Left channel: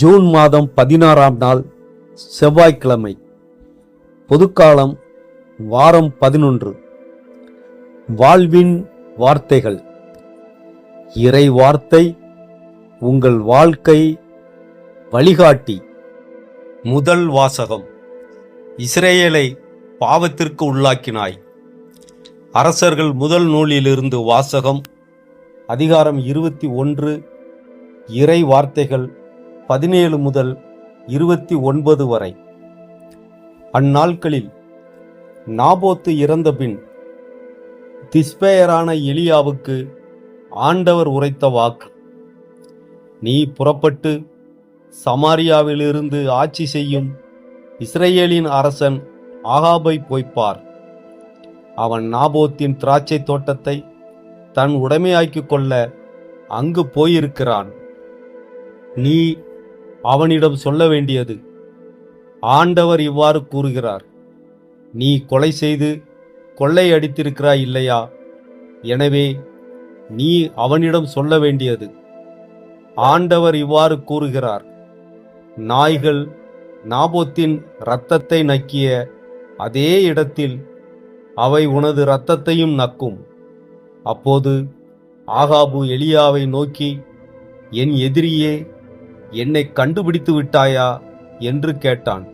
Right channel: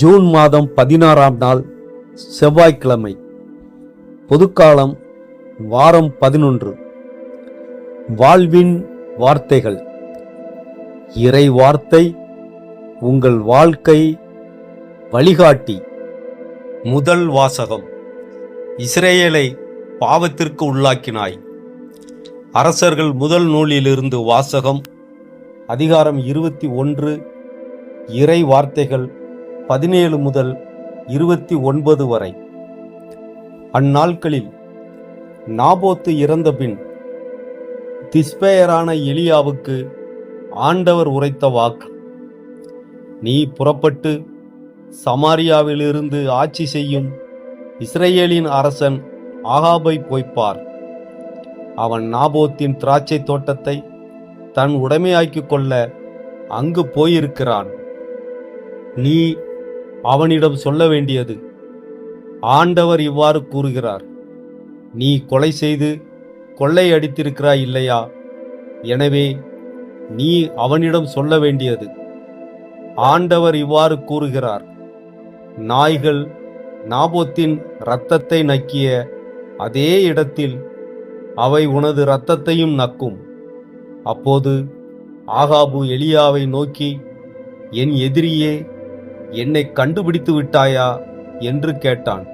June மாதம் 16ஆம் நாள் செவ்வாய்க்கிழமை. பொதுக்காலம் வாரம் 11. வாழ்வின் வார்த்தைகள். இறை வார்த்தை உங்கள் வாழ்க்கை வழிகாட்டி. முதல் வாசகம். இஸ்ரேலை பாவத்திற்கு உள்ளாக்கினாய். அரசர்கள் முதல் நூலிலிருந்து வாசகம். அதிகாரம் 21, இறை வார்த்தைகள் 17 முதல் 29 வரை. அந்நாட்களில் நாபோத்து இறந்தபின் திஸ்பேயரான எலியாவுக்கு ஆண்டவர் உரைத்த வாக்கு: நீ புறப்பட்டு சமாரியாவிலிருந்து ஆட்சி செய்யும் இஸ்ரேலின் அரசன் ஆகாபை போய்ப்பார். அவன் நாபோத்தின் திராட்சை தோட்டத்தை தன் உடைமையாக்கிக் கொள்ள அங்கு போயிருக்கிறான். நீ அவனிடம் சொல்ல வேண்டியது: ஆண்டவர் இவ்வாறு கூறுகிறார், நீ கொலை செய்து கொள்ளை அடித்திருக்கிறாய் இல்லையா? எனவே நீ அவனிடம் சொல்ல வேண்டியது: ஆண்டவர் இவ்வாறு கூறுகிறார், நாய்கள் நாபோத்தின் இரத்தத்தை நக்கிய அதே இடத்தில் அவை உனது இரத்தத்தையும் நக்கும். அப்போது ஆகாபு எலியாவை நோக்கி, என் எதிரியே, என்னை கண்டுபிடித்து விட்டாயா என்று கேட்டான்.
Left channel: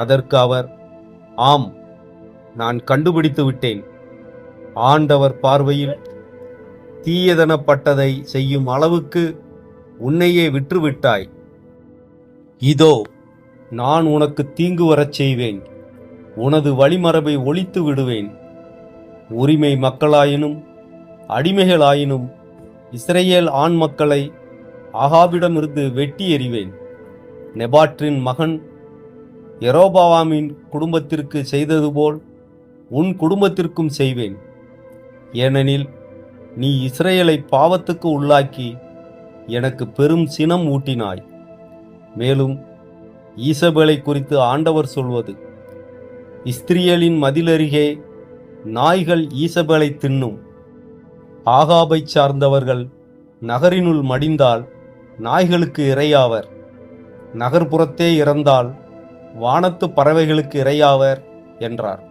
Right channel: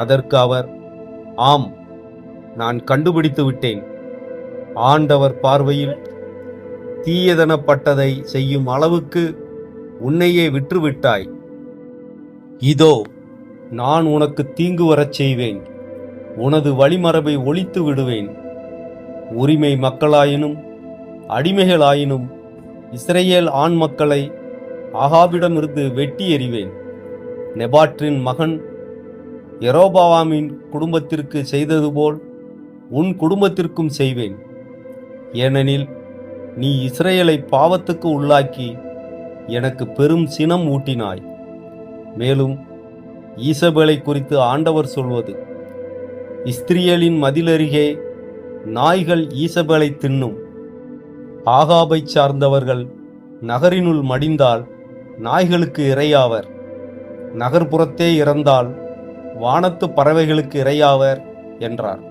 அதற்கு அவர், ஆம், நான் கண்டுபிடித்து விட்டேன். ஆண்டவர் பார்வையில் தீயதனப்பட்டதை செய்யும் அளவுக்கு உன்னையே விற்றுவிட்டாய். இதோ, நான் உனக்கு தீங்கு வரச் செய்வேன். உனது வழிமரபை ஒழித்து விடுவேன். உரிமை மக்களாயினும் அடிமைகளாயினும் இஸ்ரேல் ஆண் மக்களை ஆகாபிடமிருந்து வெட்டி எறிவேன். நெபாற்றின் மகன் யெரொபெயாமின் குடும்பத்திற்கு செய்தது போல் உன் குடும்பத்திற்கும் செய்வேன். ஏனெனில் நீ இஸ்ரேலை பாவத்துக்கு உள்ளாக்கி எனக்கு பெரும் சினம் ஊட்டினாய். மேலும் ஈசபேலை குறித்து ஆண்டவர் சொல்வது: இஸ்ரேலின் மதிலருகே நாய்கள் ஈசபேலை தின்னும். ஆகாபை சார்ந்தவர்கள் நகரினுள் மடிந்தால் நாய்களுக்கு இரையாவர். நகர்ப்புறத்தே இறந்தால் வானத்து பறவைகளுக்கு இரையாவர் என்றார்.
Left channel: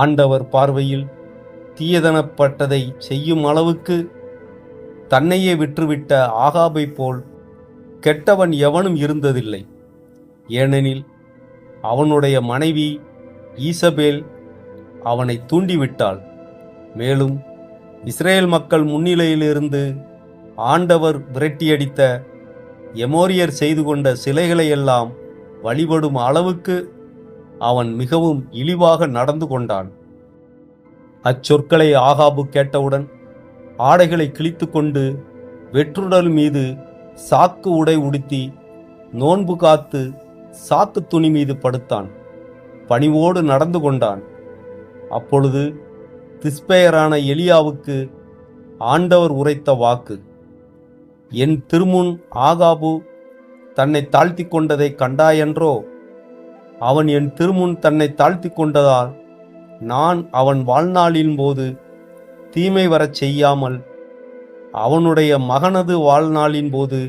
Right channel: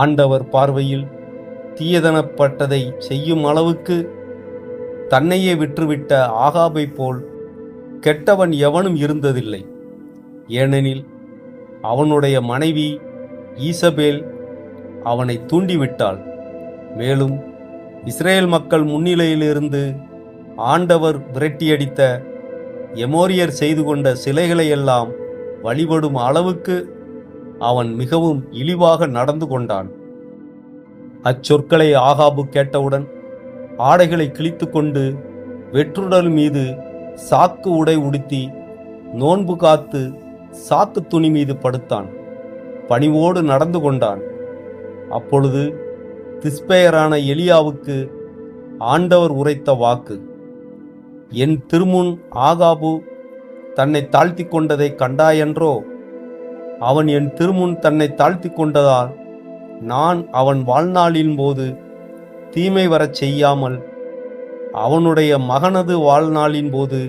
ஆண்டவர் பார்வையில் தீயதனப்பட்டதை செய்யும் அளவுக்கு தன்னையே விற்றுவிட்ட ஆகாபை போல் கெட்டவன் எவனும் இருந்ததில்லை. ஏனெனில் அவனுடைய மனைவி ஈசபேல் அவனை தூண்டிவிட்டாள். மேலும் இஸ்ரேல் மக்கள் முன்னிலையிலிருந்து ஆண்டவர் விரட்டியடித்த எமோரியர் செய்து கொண்ட சிலைகளையெல்லாம் வழிபடும் அளவுக்கு அவன் மிகவும் இழிவாக நடந்து கொண்டான். அச்சொற்களை ஆகாபு கேட்டவுடன் ஆடைகளை கிழித்து கொண்டு வெற்றுடல் மீது சாக்கு உடை உடுத்தி நோன்பு காத்து சாக்கு துணி மீது படுத்தான். பணிவோடு நடந்து கொண்டான். அப்பொழுது திஸ்பேயரான எலியாவுக்கு ஆண்டவர் உரைத்த வாக்கு: என் திருமுன் ஆகாபு தன்னை தாழ்த்தி கொண்டதை கண்டாயன்றோ? அவன் என் திருமுன் தன்னை தாழ்த்தி கொண்டதால் நான் அவன் வாழ்நாளின் போது தீமை வரச் செய்யாமல் அவனுடைய மகனது வாழ்நாளின் போது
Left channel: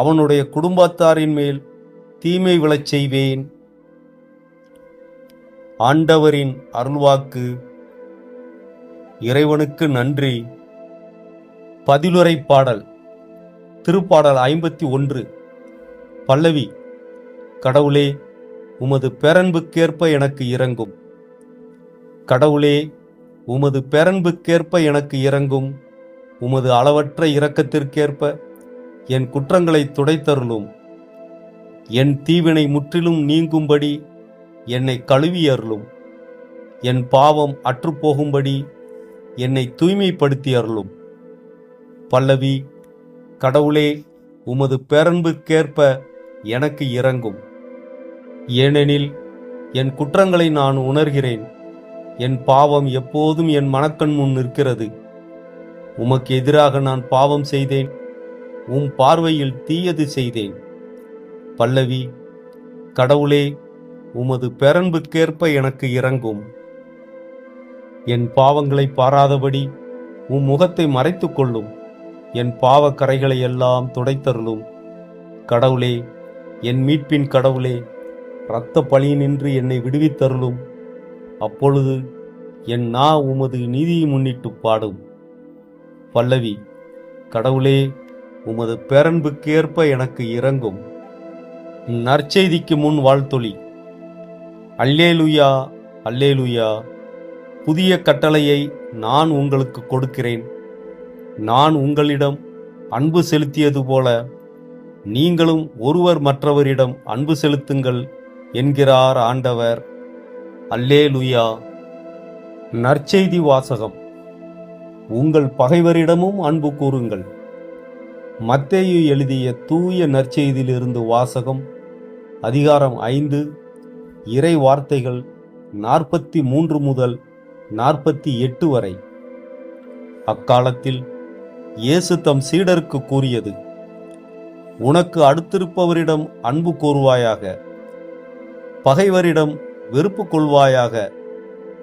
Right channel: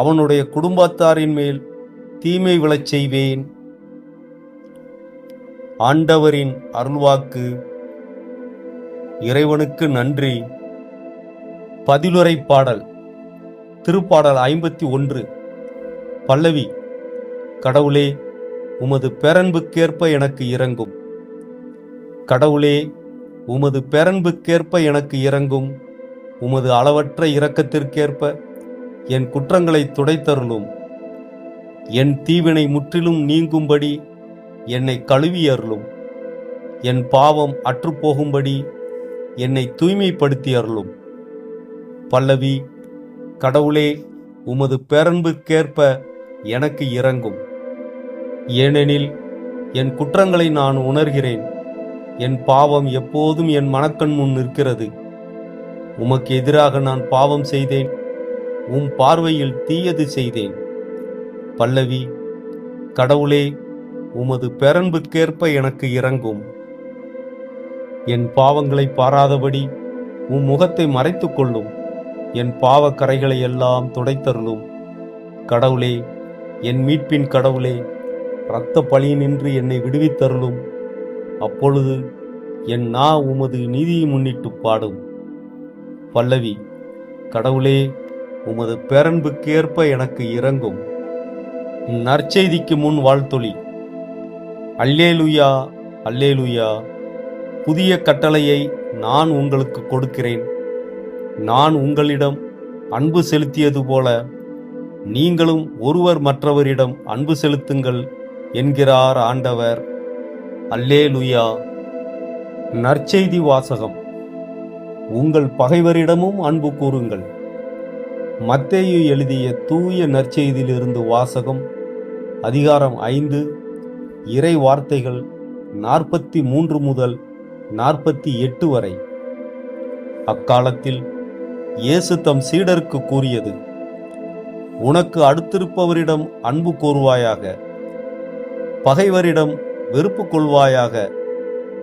அவனுடைய குடும்பத்தாரின் மேல் தீமை விழச் செய்வேன். ஆண்டவரின் அருள்வாக்கு. இறைவனுக்கு நன்றி. பதிலுரை பாடல். திருப்பாடல் 51. பல்லவி. கடவுளே, உமது பேரன்புக்கேற்ப எனக்கு இரங்கும். கடவுளே, உமது பேரன்புக்கேற்ப எனக்கு இரங்கும். உமது அளவற்ற இரக்கத்திற்கேற்ப என் குற்றங்களை துடைத்தருளும். என் தீவினை முற்றிலும் நீங்கும்படி என்னை கழுவி அருளும். என் பாவம் அற்றுப்போகும்படி என்னை தூய்மைப்படுத்தி அருளும். பல்லவி. கடவுளே, உமது பேரன்புக்கேற்ப எனக்கு இரங்கும். ஏனெனில் என் குற்றங்களை நான் உணர்கிறேன். என் பாவம் எப்போதும் என் மனக்கண் முன் நிற்கிறது. உமக்கு எதிராக நான் பாவம் செய்தேன். உம் பார்வையில் தீயது செய்தேன். பல்லவி. கடவுளே, உமது பேரன்புக்கேற்ப எனக்கு இரங்கும். என் பாவங்களை பாராதபடி உம் முகத்தை மறைத்துக் கொள்ளும். என் பாவக்கரைகளை எல்லாம் துடைத்தருளும். கடவுளே, என் மீட்பின் கடவுளே, இரத்த பழியினின்று என்னை விடுவித்தருளும். அப்பொழுது என் நா உமது நீதியை முன்னிட்டு பாடும். பல்லவி. கடவுளே, உமது பேரன்புக்கு ஏற்ப எனக்கு இரங்கும். நற்செய்திக்கு முன் வாழ்த்தொலி. அல்லேலூயா, அல்லேலூயா. புதிய கட்டளையை நான் உங்களுக்கு கொடுக்கிறேன். நான் உங்களிடம் அன்பு செலுத்தியது போல நீங்களும் ஒருவர் மற்றவரிடம் அன்பு செலுத்துங்கள் என்கிறார் ஆண்டவர். அல்லேலூயா. நற்செய்தி வாசகம். உங்கள் பகைவரிடமும் அன்பு கூறுங்கள். மத்தேயு எழுதிய தூய நற்செய்தியிலிருந்து வாசகம். அதிகாரம் 5, இறை வார்த்தைகள் 43 முதல் 48 வரை. அக்காலத்தில் இயேசு தம் சீடருக்கு கூறியது: உனக்கு அடுத்திருப்பவரிடம் அன்பு கூறுவாயாக, பகைவரிடம் வெறுப்பு கொள்வாயாக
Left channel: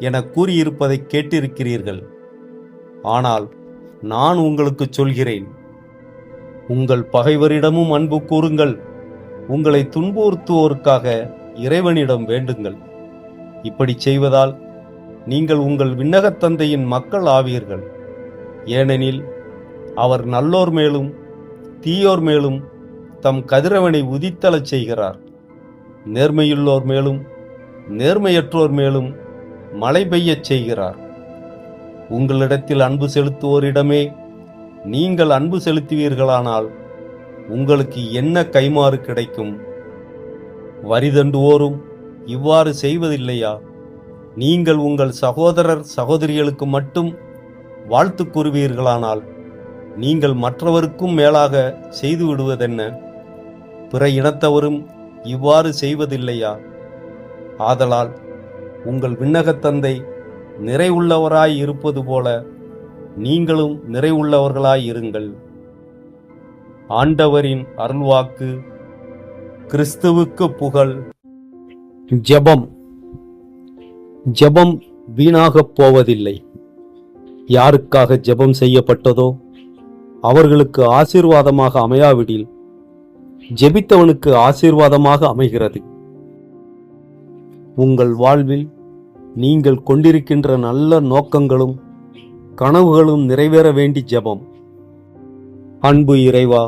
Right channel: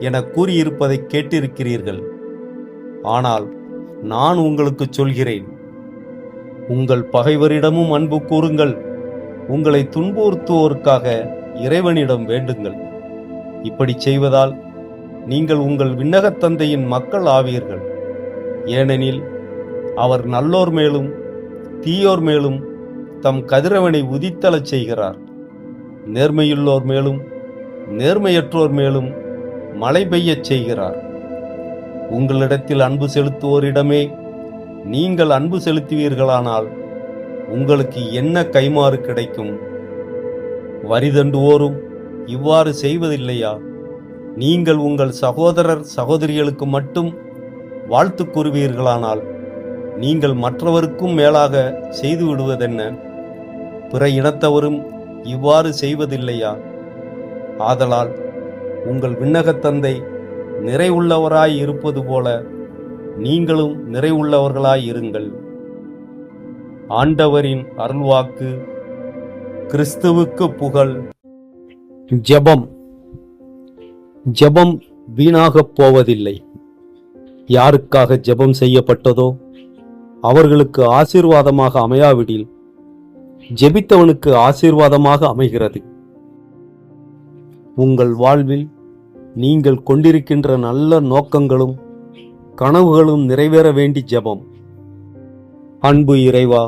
என கூறியிருப்பதை கேட்டிருக்கிறீர்கள். ஆனால் நான் உங்களுக்கு சொல்கிறேன், உங்கள் பகைவரிடமும் அன்பு கூறுங்கள். உங்களை துன்புறுத்துவோருக்காக இறைவனிடம் வேண்டுங்கள். இப்படி செய்வதால் நீங்கள் உங்கள் விண்ணகத் தந்தையின் மக்கள் ஆவீர்கள். ஏனெனில் அவர் நல்லோர் மேலும் தீயோர் மேலும் தம் கதிரவனை உதித்தலச் செய்கிறார். நேர்மையுள்ளோர் மேலும் நேர்மையற்றோர் மேலும் மழை பெய்யச் செய்கிறார். உங்களிடத்தில் அன்பு செலுத்துவோரிடமே நீங்கள் அன்பு செலுத்துவீர்களானால் உங்களுக்கு என்ன கைமாறு கிடைக்கும்? வரிதண்டுவோரும் இவ்வாறு செய்வதில்லையா? நீங்கள் உங்கள் சகோதரர் சகோதரிகளுக்கு மட்டும் வாழ்த்து கூறுவீர்களானால் நீங்கள் மற்றவருக்கும் மேலாக செய்து விடுவதென்ன? பிற இனத்தவரும் இவ்வாறு செய்வதில்லையா? ஆதலால் உங்கள் விண்ணகத் தந்தை நிறைவுள்ளவராய் இருப்பது போல நீங்களும் நிறைவுள்ளவர்களாய் இருங்கள். ஆண்டவரின் அருள்வாக்கு. கிறிஸ்துவுக்கு புகழ். ஜெபம். ஜெபம் வீணாகப் போவதில்லை. யாருக்காக ஜெபம் செய்யப்பட்டதோ அவர்களுக்கு ஆசீர்வாதமாக அமையாவிடில் ஜெபித்தவனுக்கு ஆசீர்வாதமாக அமைகிறது. உங்கள் வாழ்வில் நீங்கள் கொண்டிருக்கின்ற நல்ல நோக்கங்களும் கனவுகளும் நிறைவேற வேண்டி ஜெபம். அன்பு இறைவா,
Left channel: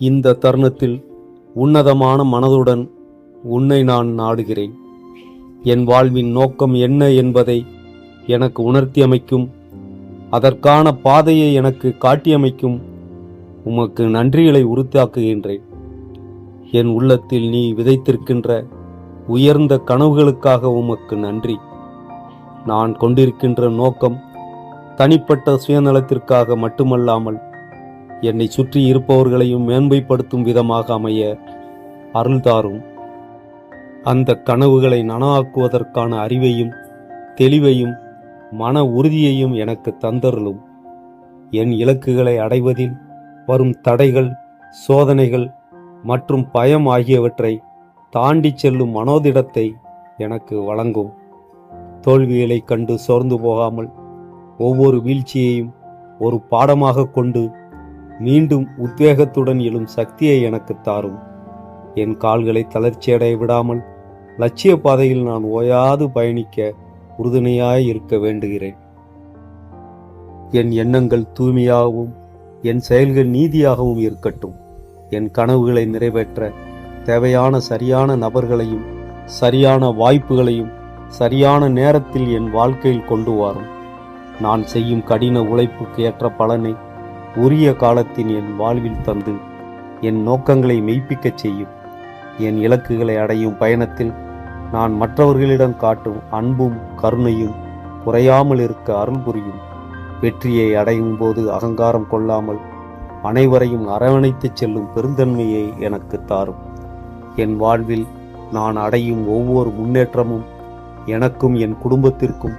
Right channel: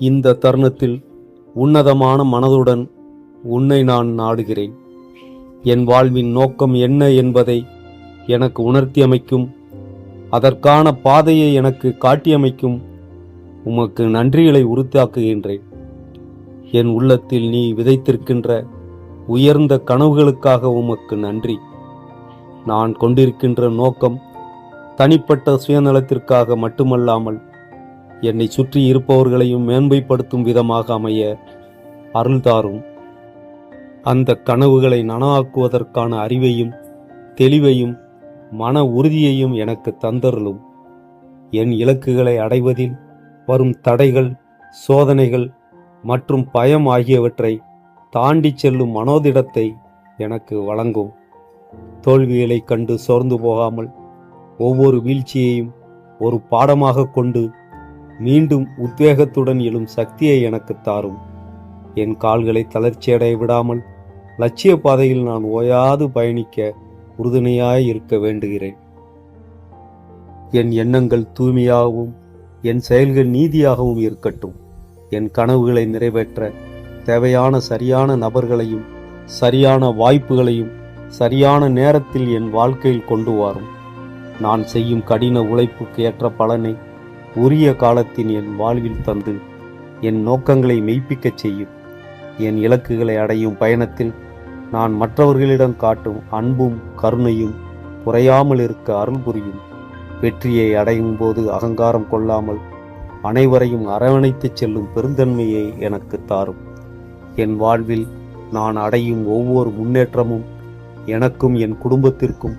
இந்த தருணத்தில் உன்னதமான மனதுடன் உன்னை நான் நாடுகிறேன். என் வாழ்வின் நோக்கம் என்ன என்பதை எனக்கு உணர்த்தி அமைக்கும், அதற்கான பாதையை எனக்கு காட்டியமைக்கும் உமக்கு நன்றிகளை உறுத்தாக்குகின்றேன். என் உள்ளத்தில் நீ விதைத்திருக்கின்ற உயர்ந்த கனவுகளுக்காக உமக்கு நன்றி. நான் கொண்டிருக்கின்ற நோக்கம் தனிப்பட்ட சுயநலத்திற்காக மட்டுமல்லாமல் என்னை சுற்றி இருப்பவர்களையும் மேன்மைப்படுத்தும் விதமாக அமைய அருள்தாரும். அந்த கனவுகளை நனவாக்குவதற்கான அறிவையும் தெளிவையும் மன உறுதியையும் எனக்கு தந்தருளும். என் இலக்குகளை அடைவதில் வரும் தடைகள், சோதனைகள் மற்றும் பயம் ஆகியவற்றை தாண்டி செல்லும் மனோதிடத்தை எனக்கு வழங்கும். தோல்விகளை கண்டு சோர்ந்து போகாமல் ஒவ்வொரு வீழ்ச்சியையும் ஒரு பாடமாக கொண்டு மீண்டும் உத்வேகத்துடன் எழும் சக்தியை எனக்கு தாரும். என் கால்களை தளர்ச்சியடைய விடாமல் லட்சிய பாதையில் நான் ஓயாது பயணிக்க உறுதுணையாய் இருக்க வேண்டுகிறேன். என் எண்ணங்கள் தூய்மையாகவும் என் செயல்கள் நீதியாகவும் இருக்கட்டும். என் கனவுகளை நிறைவேற்ற தேவையான சரியான நபர்களையும் சரியான வாய்ப்புகளையும் சரியான நேரத்தில் என் வாழ்க்கையில் கொண்டு வரும். நான் செய்யும் கடின உழைப்புக்கு ஏற்ற பலனை உரிய காலத்தின் என் வாழ்வில் தந்து என் நோக்கங்களை மெய்ப்பிக்கச் செய்யும். என் இலக்குகளை அடையும் பயணத்தில் நான் மற்றவர்களிடம் காட்டும் அன்பும் கருணையும் குறையாமல் இருக்க அருள் புரியும். வெற்றியை அடையும் போது அகங்காரம் கொள்ளாமல் அனைவரையும் அரவணைத்துச் செல்லும் பெருந்தன்மையை எனக்கு தாரும். என் வாழ்வில் நான் அடையும் ஒவ்வொரு முன்னேற்றமும் எனக்கும் என் குடும்பத்திற்கும்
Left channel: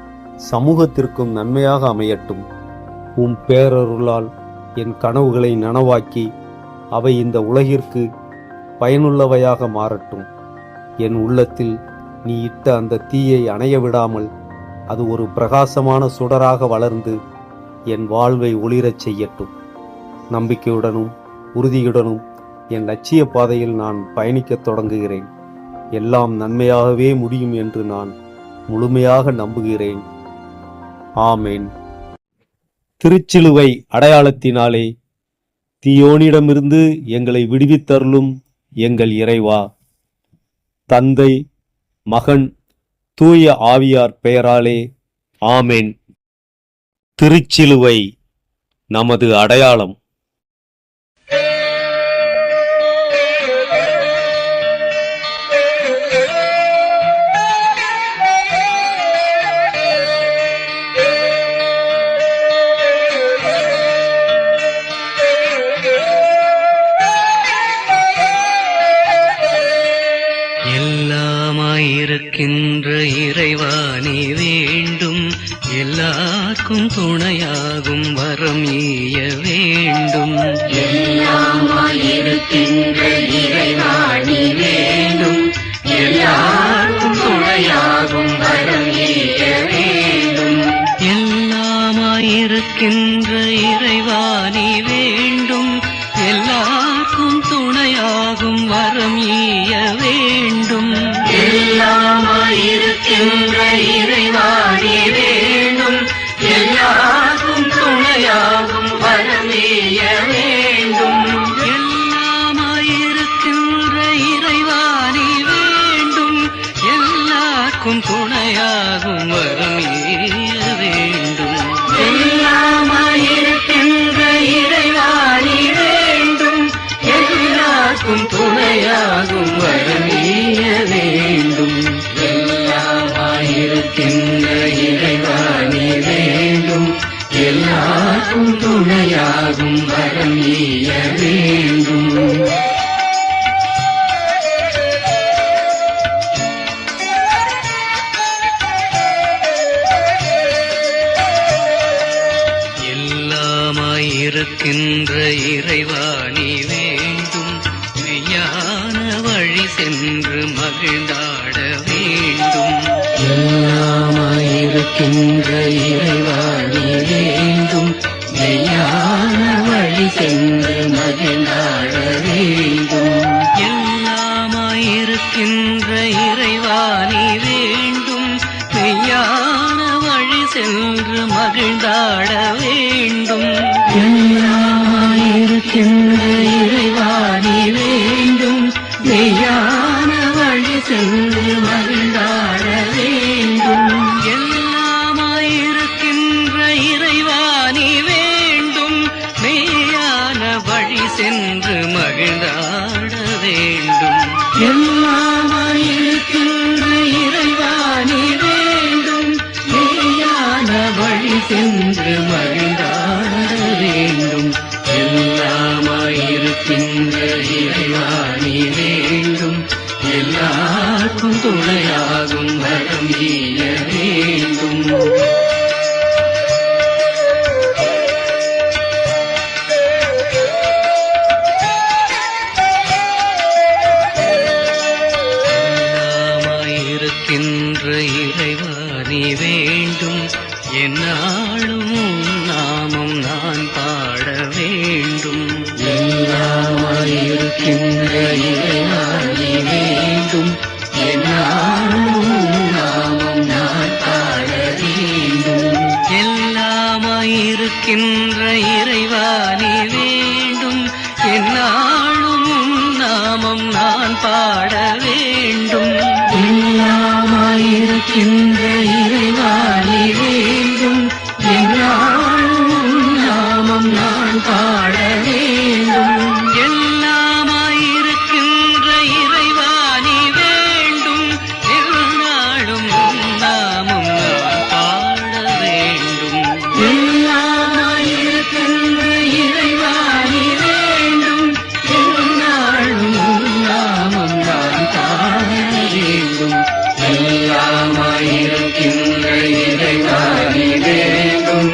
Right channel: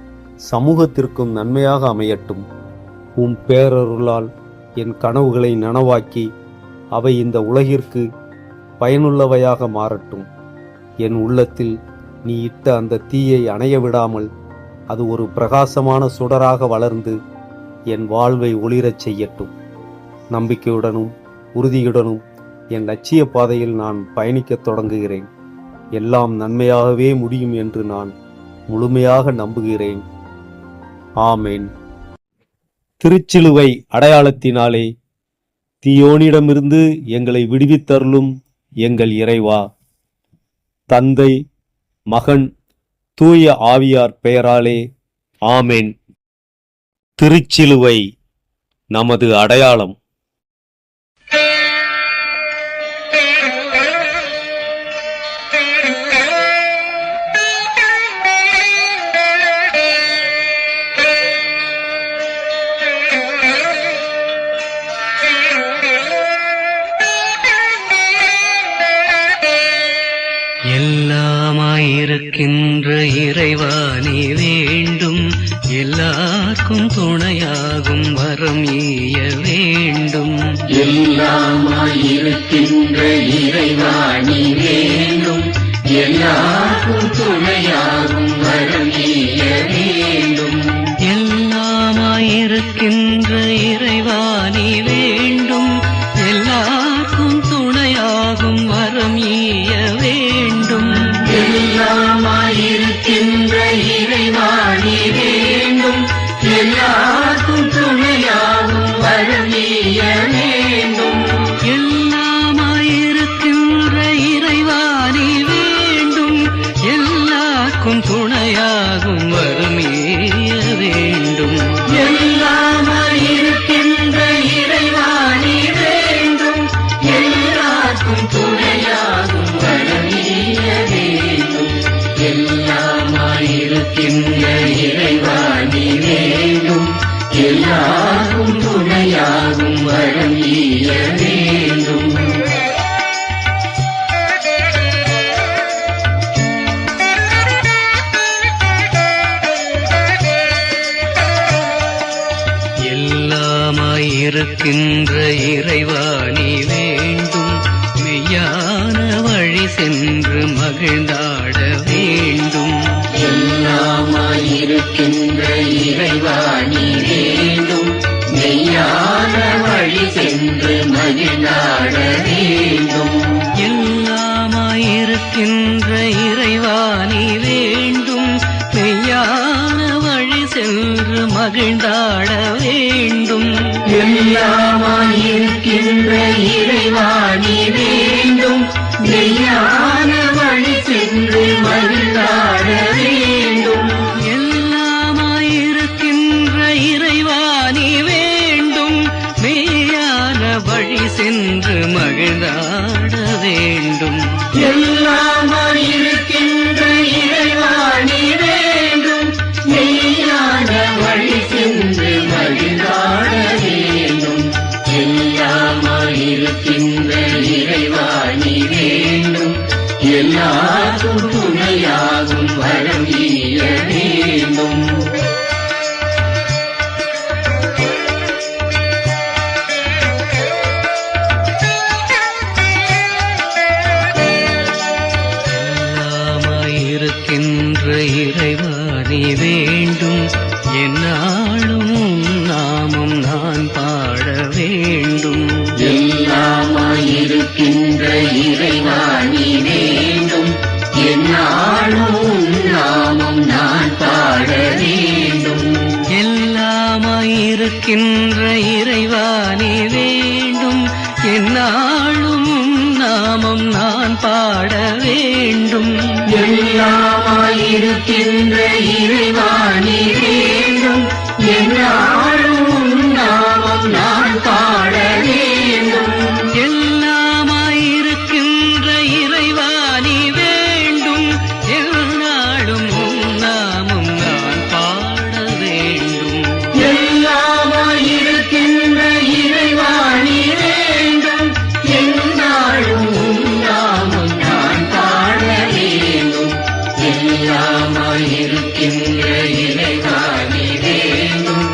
சமூகத்திற்கும் நன்மையாக அமையட்டும். உம் பேரருளால் என் கனவுகளை நனவாக்கி அவை இந்த உலகிற்கு பயனுள்ளவையாக மாறட்டும். என் உள்ளத்தில் நீ இட்ட அந்த தீயை அணைய விடாமல் அது ஒரு பிரகாசமான சுடராக வளர்ந்து என் வாழ்வை ஒளிரச் செய்யட்டும். நம்பிக்கையுடனும் உறுதியுடனும் என் லட்சிய பாதையில் நான் பயணிக்கத் தொடங்குகிறேன். எல்லாம் நன்மையாகவே முடியும் என்று நான் முழுமையாக நம்புகிறேன். ஆமேன். திருச்சிலுவை அடையாளத்தினாலே தீயோனிடமிருந்து எங்களை விடுவித்தருளும் எங்கள் இறைவா. தந்தை, மகன், தூய ஆவியார் பெயராலே ஆமேன். திருச்சிலுவை நமது அடையாளம். எல்லாமாயிருக்கின்ற இறைவா நீ வேண்டும், எல்லாருக்கும் துணையாகும் வரம் ஈய வேண்டும். எல்லாமாயிருக்கின்ற இறைவா நீ வேண்டும், எல்லாருக்கும் துணையாகும் வரம் ஈய வேண்டும். எல்லாமாயிருக்கின்ற இறைவா நீ வேண்டும், எல்லாருக்கும் துணையாகும் வரம் ஈய வேண்டும். எல்லாமாயிருக்கின்ற இறைவா நீ வேண்டும், எல்லாருக்கும் துணையாகும் வரம் ஈய வேண்டும். எல்லாமாயிருக்கின்ற இறைவா நீ வேண்டும், எல்லாருக்கும் துணையாகும் வரம் ஈய வேண்டும். எல்லாமாயிருக்கின்ற இறைவா நீ வேண்டும், எல்லாருக்கும் துணையாகும் வரம் ஈய வேண்டும். எல்லாமாயிருக்கின்ற இறைவா நீ வேண்டும், எல்லாரும் துணையாகும் வரம் ஈய வேண்டும். எல்லாமாயிருக்கின்ற இறைவா நீ வேண்டும், மெய்யான வழி சென்று மகிழ்ந்தாட வேண்டும். எல்லாமாயிருக்கின்ற இறைவா நீ வேண்டும், மெய்யான வழி சென்று மகிழ்ந்தாட வேண்டும். எல்லாமாயிருக்கின்ற இறைவா நீ வேண்டும், மெய்யான வழி சென்று மகிழ்ந்தாட வேண்டும். எல்லாமாயிருக்கின்ற இறைவா நீ வேண்டும், மெய்யான வழி சென்று மகிழ்ந்தாட வேண்டும். எல்லாமாயிருக்கின்ற இறைவா நீ வேண்டும், மெய்யான வழி சென்று மகிழ்ந்தாட வேண்டும். எல்லாமாயிருக்கின்ற இறைவா நீ வேண்டும், மெய்யான வழி சென்று மகிழ்ந்தாட வேண்டும். எல்லாமாயிருக்கின்ற இறைவா நீ வேண்டும், எல்லாருக்கும் துணையாகும் வரம் ஈய வேண்டும். எல்லாமாயிருக்கின்ற இறைவா நீ வேண்டும், எந்நாளும் உன் நாமம் நான் பாட வேண்டும். எல்லாமாயிருக்கின்ற இறைவா நீ வேண்டும், எந்நாளும் உன் நாமம் நான் பாட வேண்டும். எல்லாமாயிருக்கின்ற இறைவா நீ வேண்டும், எந்நாளும் உன் நாமம் நான் பாட வேண்டும். எல்லாமாயிருக்கின்ற இறைவா நீ வேண்டும், எந்நாளும் உன் நாமம் நான் பாட வேண்டும். எல்லாமாயிருக்கின்ற இறைவா நீ வேண்டும், எந்நாளும் உன் நாமம் நான் பாட வேண்டும். எல்லாமாயிருக்கின்ற இறைவா நீ வேண்டும், எந்நாளும் உன் நாமம் நான் பாட வேண்டும். எல்லாமாயிருக்கின்ற இறைவா நீ வேண்டும்,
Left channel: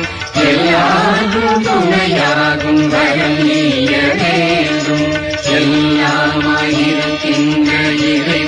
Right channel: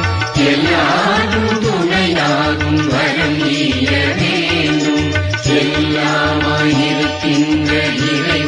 எல்லாரும் துணையாகும் வரம் ஈய வேண்டும். எல்லாமாயிருக்கின்ற இறைவா